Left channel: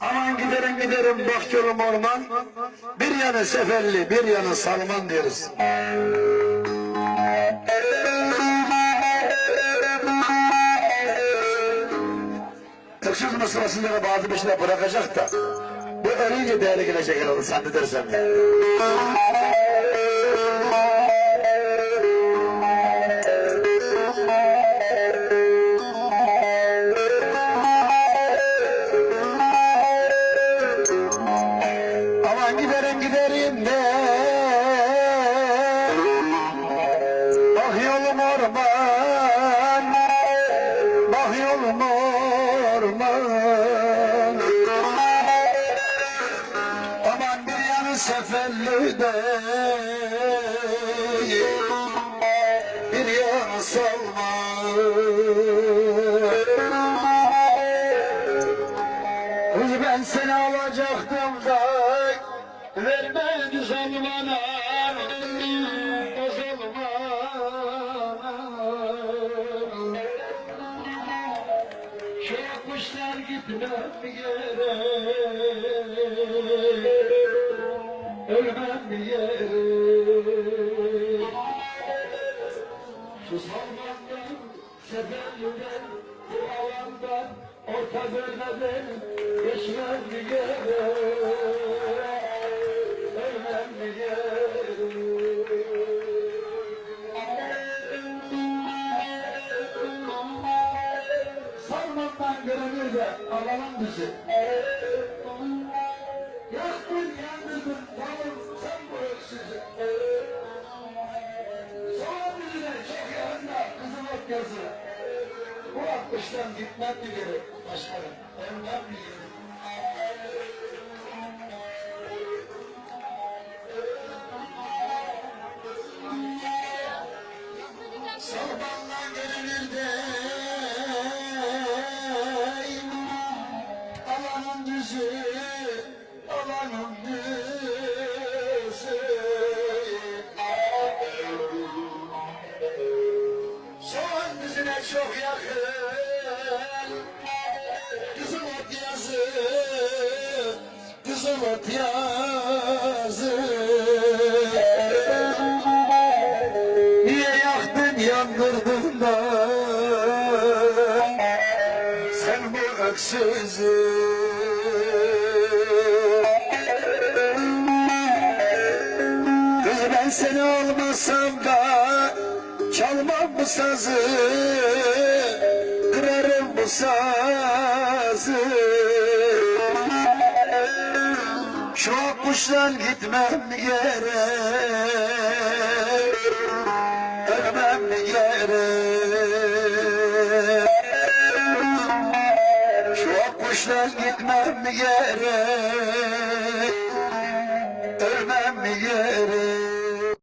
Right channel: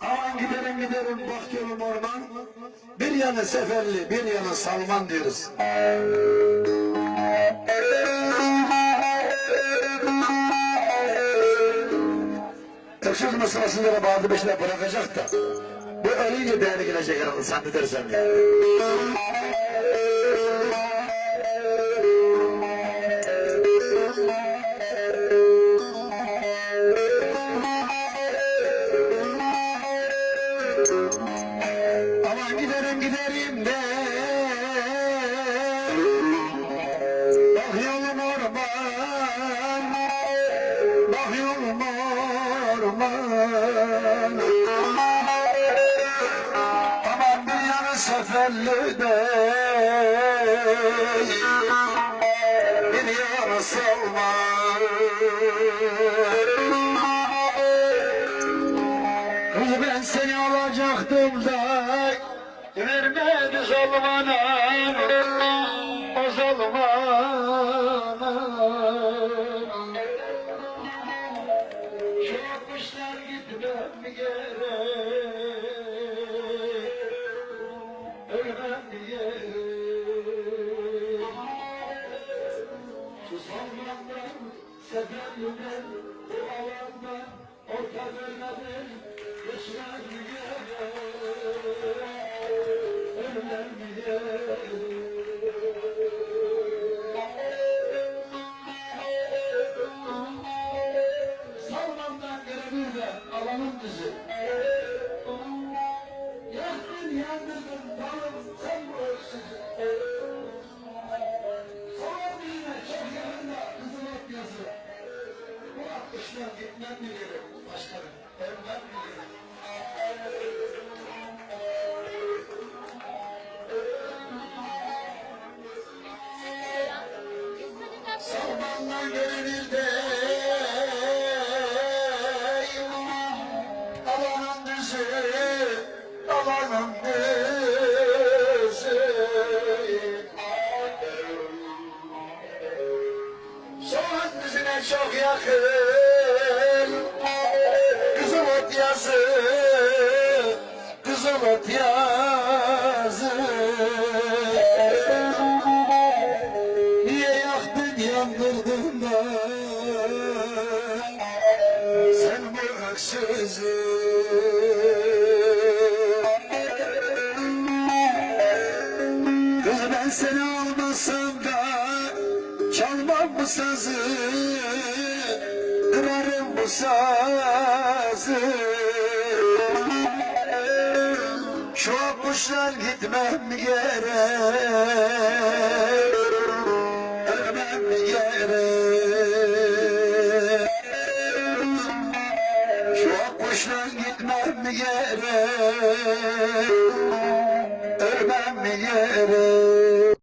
Aman giderim giderim bak yolum orman. Bir yanı seferli bir yanı salman diyoruz. Öksüz mısırasınları bazı beşine bırakacak da. Bu ölünce değeri gelecek herhalde zannedersem. ya. Giderim giderim de. Bak yolum orman Bak yolum orman. Aman bir yanı seferli de. Bir yanı salman ben seni alacaktım da vermedi zalmana o zalman. Şu kuşlar gitmem gerek ölmem gerek şu sevmeklerim seferimden Yalandan orta bölmeden Geçmem mi gerek anlamın bizi Yaktın yandırdın tamam sen bu öksüzü Soğan yüzüne çok yakında Kızılok yazı. Bu akıştan gitmem mi gerek başlarım? Ondan mı gerek? Düzüne çok yakın. Kızıl ot yazı Kızıl ot yazı. Niye yaktın yandırdın da? Sen bu öksüzü. Kız ben seni olmasam da Çalmam bu sazı Kırarım bu sazı. Şu kuşlar gitmem gerek Ölmem gerek Şu kuşlar gitmem gerek Ölmem gerek